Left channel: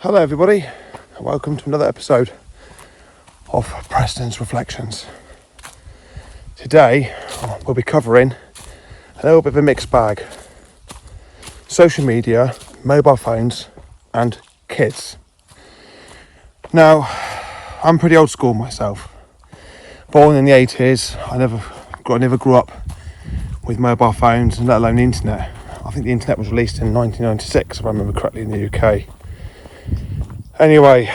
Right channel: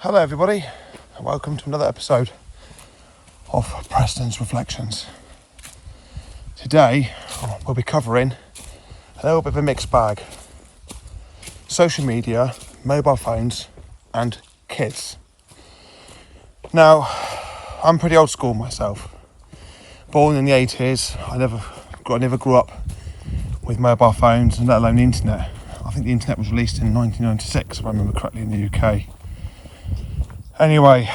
Hello everybody, and welcome to another episode of Preston's Reflections. Today we'll be covering a little bit of a mixed bag. Social media, mobile phones and kids. Now, I'm pretty old school myself. Born in the 80s, I never grew up with mobile phones and let alone the internet. I think the internet was released in 1996 if I remember correctly in the UK. Anyway,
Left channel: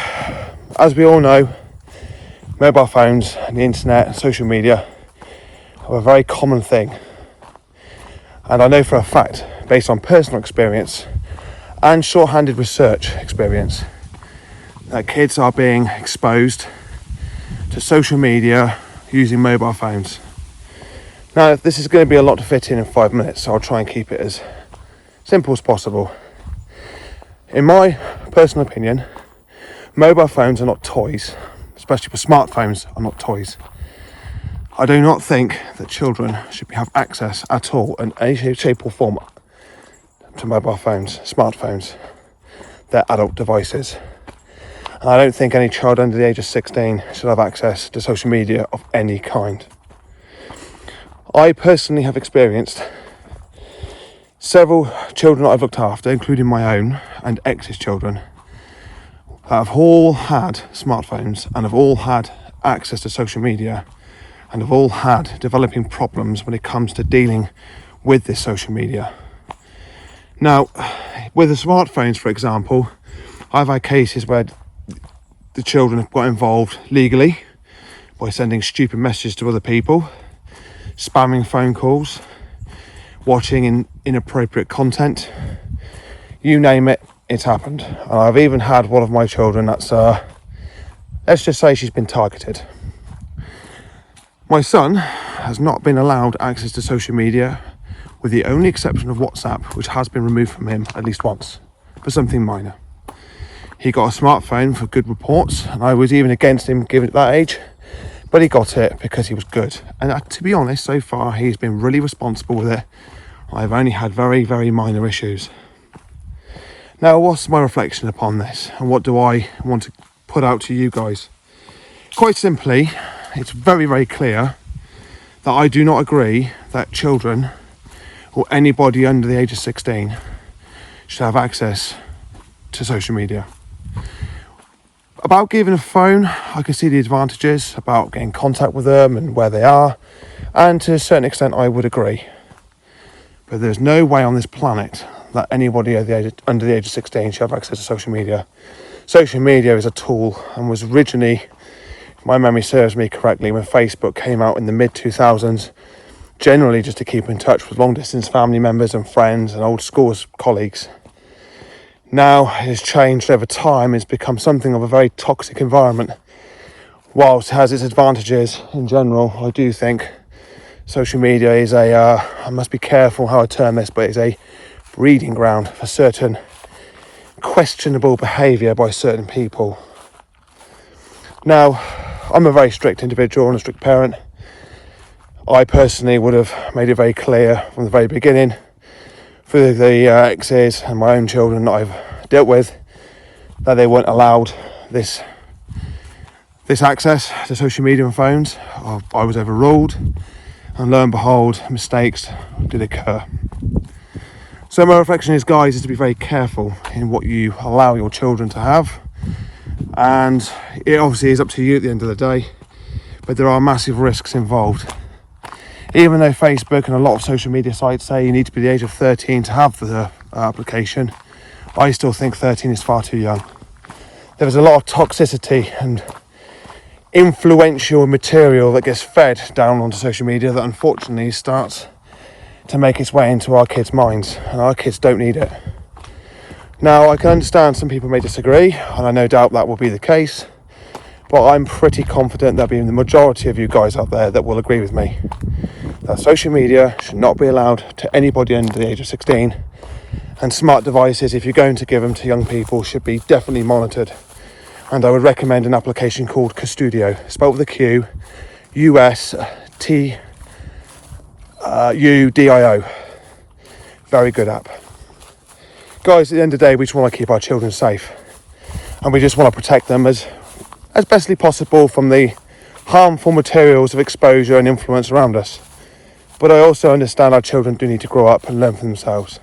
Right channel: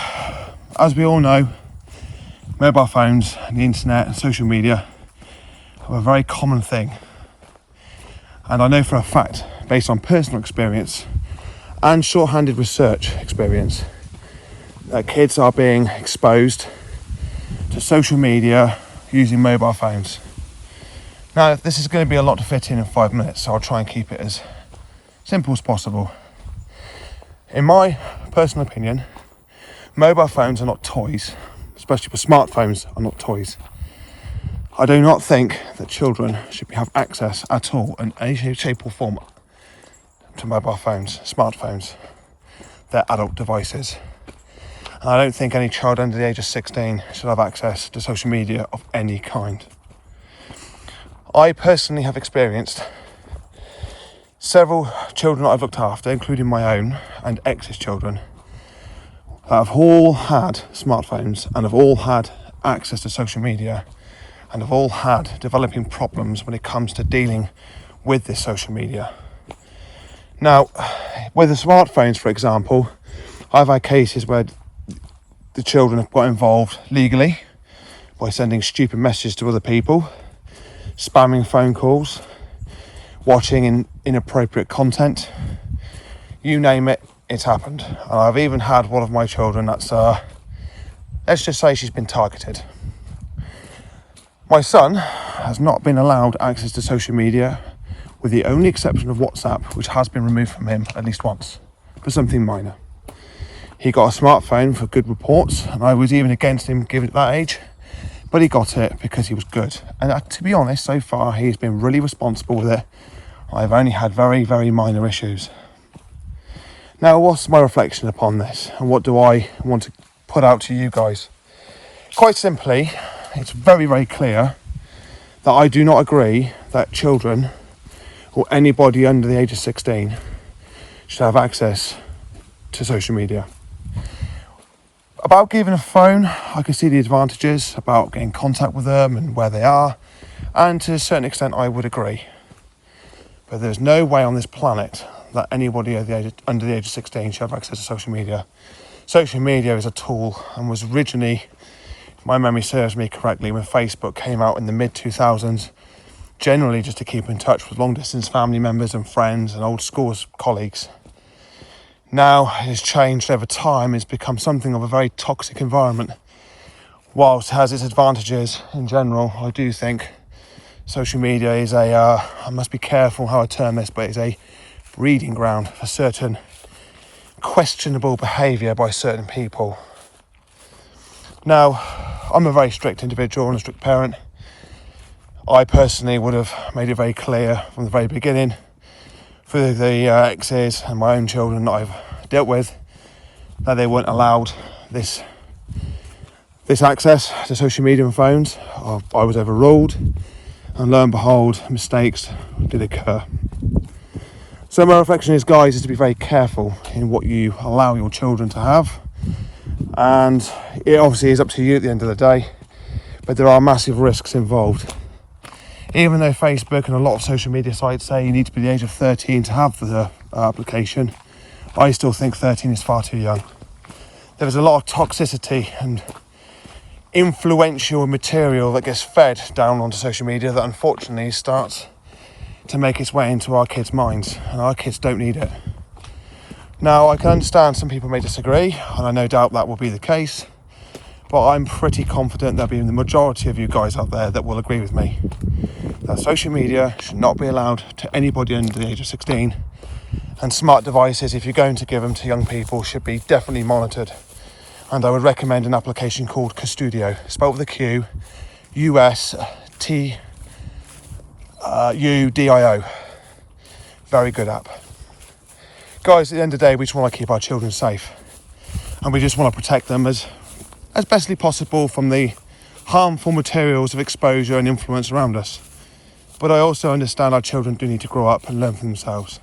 as we all know, mobile phones and the internet and social media are a very common thing. And I know for a fact, based on personal experience and short-handed research experience, that kids are being exposed to social media using mobile phones. Now, this is going to be a lot to fit in 5 minutes, so I'll try and keep it as simple as possible. In my personal opinion, mobile phones are not toys, especially for smartphones are not toys. I do not think that children should have access at all in any shape or form to mobile phones, smartphones. They're adult devices. And I don't think any child under the age of 16 should have access to social media of any kind. I personally have experienced several children that I've looked after, including my own and ex's children, that have all had smartphones and have all had access to social media and have all had developing problems when it comes to dealing with this social media. Now, with the smartphones, for example, I've had cases where the children have got involved legally by sending stupid messages to other people, spamming phone calls, watching inappropriate content, you name it, it's happened. And I've even had one of my children that's, let's just say she's been targeted. My son has not been allowed access to social media, with the only exception of WhatsApp, which has been removed from him at least once, for something minor. He got a smartphone for good reports, and I was even against him giving it that age, but he got it because he was good. And to be honest, so far he's been really responsible with it. I've only had very, very minor issues. Now, what's my reflection upon this, and what do I want to put out to you guys? Quite simply, it's very, very clear that I do not agree that children or anybody under the age of 16 should have access to social media. About giving a phone, I can see the advantages about getting in contact with them and where they are, and to a certain extent I would agree. But there's no way on this planet that anybody under the age of 16 should have access to social media. Social media is a tool and was originally, if my memory serves me correctly, when Facebook came out in the mid-2000s, generally just to keep in touch with long-distance family members and friends and old school colleagues. Now it has changed over time. It's become something of a very toxic environment. Whilst it has its advantages in general, I do think social media is I must be careful how I term this, but it's a breeding ground for certain questionable behaviour by certain people. Now, I'm a very strict individual and a strict parent. I personally would have made it very clear from the very beginning, through the exes and my own children that I've dealt with, that they weren't allowed this access to social media and phones. I was overruled, and lo and behold, mistakes did occur. So my reflection is, guys, is to be very careful in what you allow your children to have, and it obviously is up to you at the end of the day, but there are massive risks involved. Even though Facebook and a lot of social media sites say you need to be the age of 13 to have the application, I still think 13 is far too young. There is a lot of toxicity and influential material that gets fed down onto social media that unfortunately starts to make its way into our kids' minds, and our kids don't need it. Now, I can understand some people may disagree, and I no doubt that will be the case, but I'm pretty confident there'll be the majority of you guys out there that will agree with me that social media should not be allowed to anybody under the age of 16, and smart devices, if you're going to give them to young people, should be definitely monitored. And I would recommend an application called Custodio, spelled with a Q, USTUDIO. Very good app. Guys, at the end of the day, we just want to keep our children safe. and we just want to protect them as bestly possible from the harmful materials of exposure and influence around us. But I also understand our children do need to grow up and learn for themselves.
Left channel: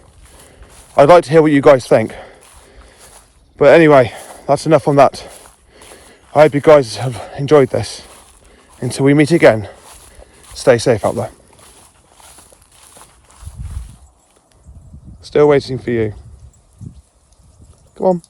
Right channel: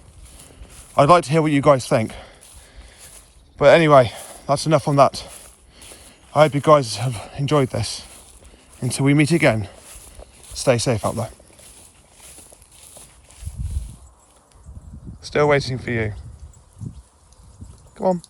I'd like to hear what you guys think. But anyway, that's enough on that. I hope you guys have enjoyed this. Until we meet again, stay safe out there. Still waiting for you. Come on.